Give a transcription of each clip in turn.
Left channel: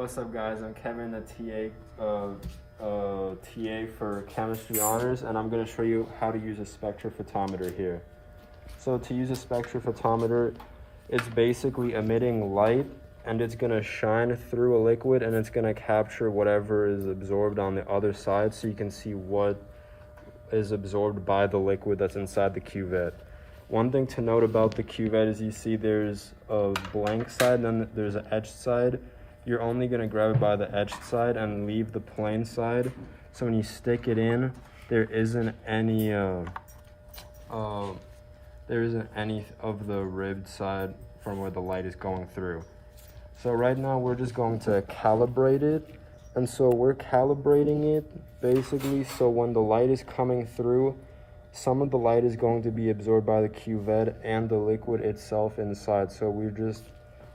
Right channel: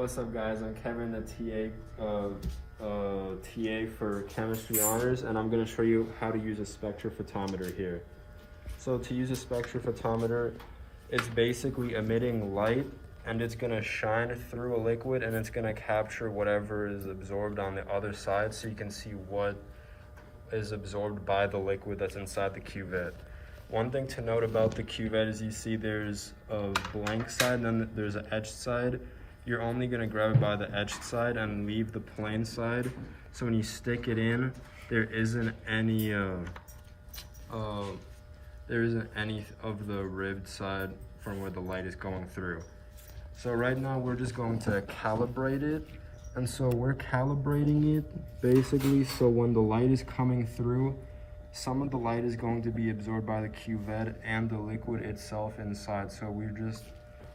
What's up, guys? I'm Kevin, the TA for Chemistry Honors, and I'm going to show you how to use a spectrophotometer here. So to use a spectrophotometer, it's basically emitting light, and it's going to shine through a liquid, and it's going to capture whatever is absorbed on the other side, so you can see what is absorbed by the liquid that's inside the cuvette. One thing to note about the cuvette is you see there's a blank side, and then there's an etched side. You're only going to grab it by the etched side and leave the plain side. So when you stick it in, there isn't any of the ribbed side from where the light is going through. So right now we're just going to calibrate it. And so we're calibrating it basically so when the light is coming through, some of the light is going to be absorbed by the cuvette and the liquid itself inside. So we're just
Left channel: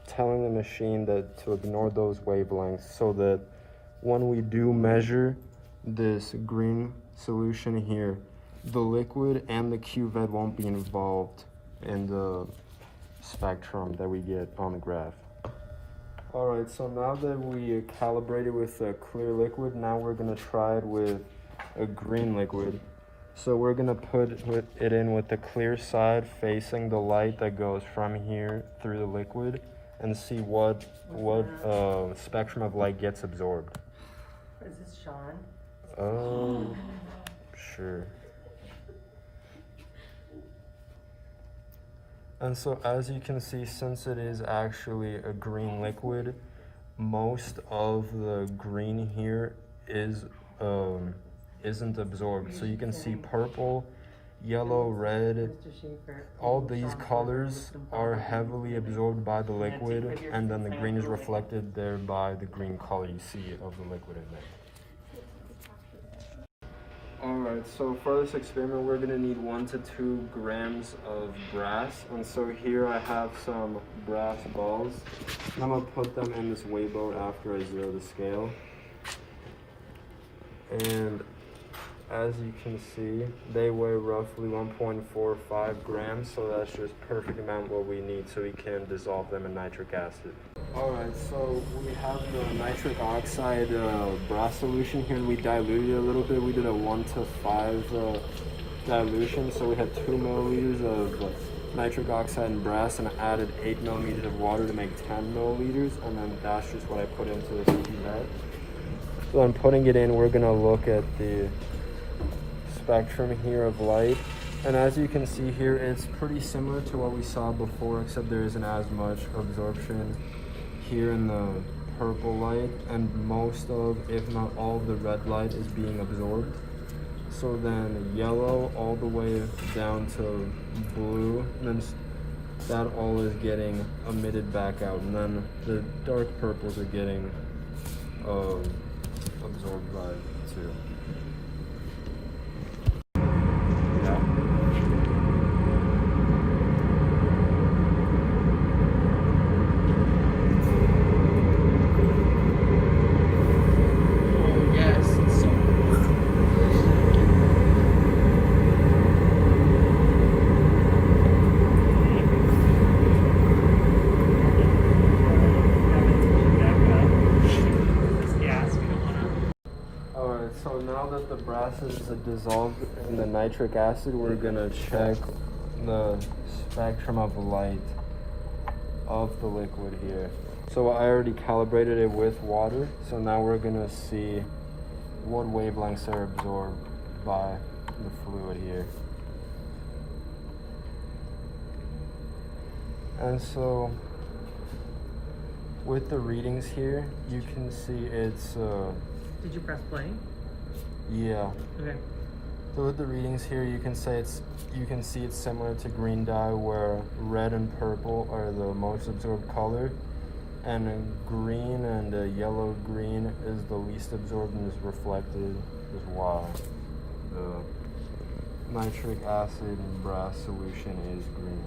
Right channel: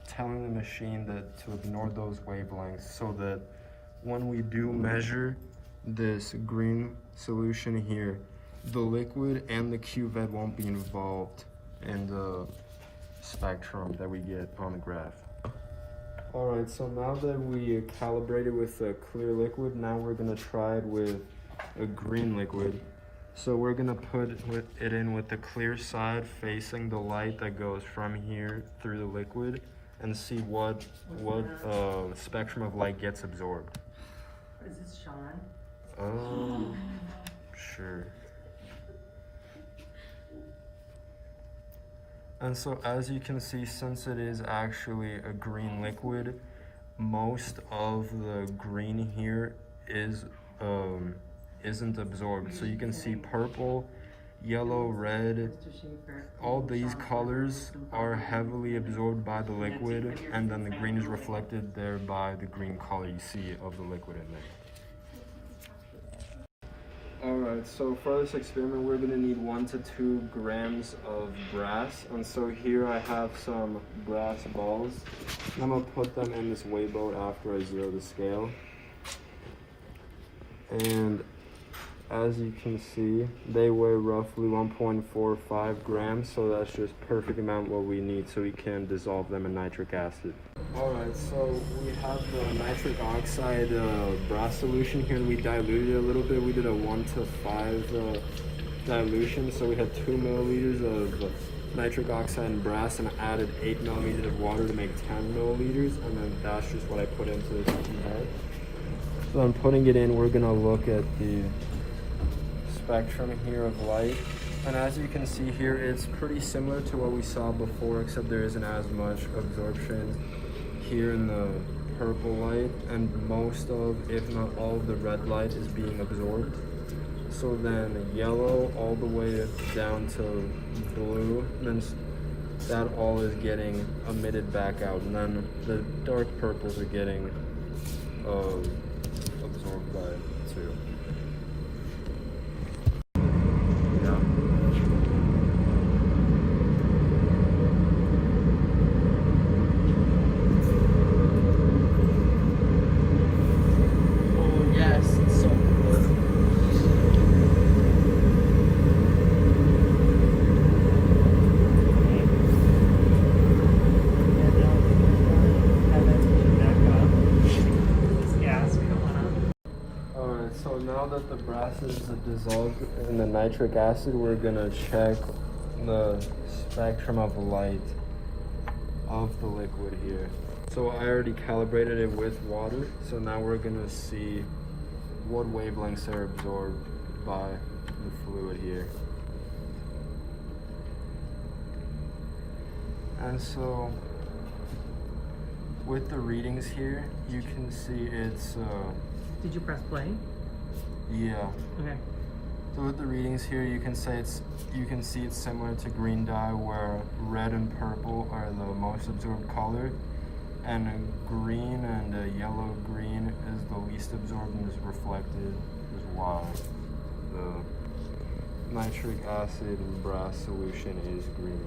telling the machine that to ignore those wavelengths so that when we do measure this green solution here, the liquid and the cuvette won't be involved in the spectrum that we get on the graph. Alright, so now that we calibrated with a clear liquid, now we're going to try it with a green liquid. So we're going to put it in with the clear side facing the light that goes from here through the liquid, and see what spectrum of light gets absorbed. Is this Sean? Sure. And so as you can see, since it is actually a green liquid, most of the green here isn't absorbed. So you can see purple, yellow, red, all these colors are heavily absorbed by the liquid, and then the green is reflected there by the green color you see of the liquid in there. Alright, so for this experiment we're going to need 1 to 2 grams of brass, and so here I have some brass balls, and I'm going to put them in this weigh boat after I zero the scale. And as you can see, they weigh roughly 1.45 grams, so that's just perfect amount what we need so we can dissolve them in nitric acid. Alright, so we have the nitric oxide brass solution here, and we diluted it a little bit. We did a 1 to 5 dilution, so we had 2 milliliters of nitric oxide and brass, and I added 8 milliliters of water to make 10 milliliters, and then that's just what I put into the cuvette. So I'm putting it in, we're going to look at the spectrum here of light, and as you can see here, it's pretty similar to what we saw before, except there isn't as much absorption here in the purple light, and most of, if not all of the red light is being absorbed. So then yellow all the way down to blue, and then that all is getting emitted back out, and then the dark purples are getting absorbed by it too. So now that the brass is dissolved in the nitric acid, we're going to check the spectrum of light of the liquid here. So I already calibrated it with water, so now we're going to see what wavelengths are absorbed by the fluid here. And so with the readings here, you can see it's Did you press play? Yeah. Okay. So with the readings here, you can see it's similar to green dye, where red and purple are the most absorbed color, and green and yellow green is the least absorbed and is reflected as well. The nitric acid and brass solution is green.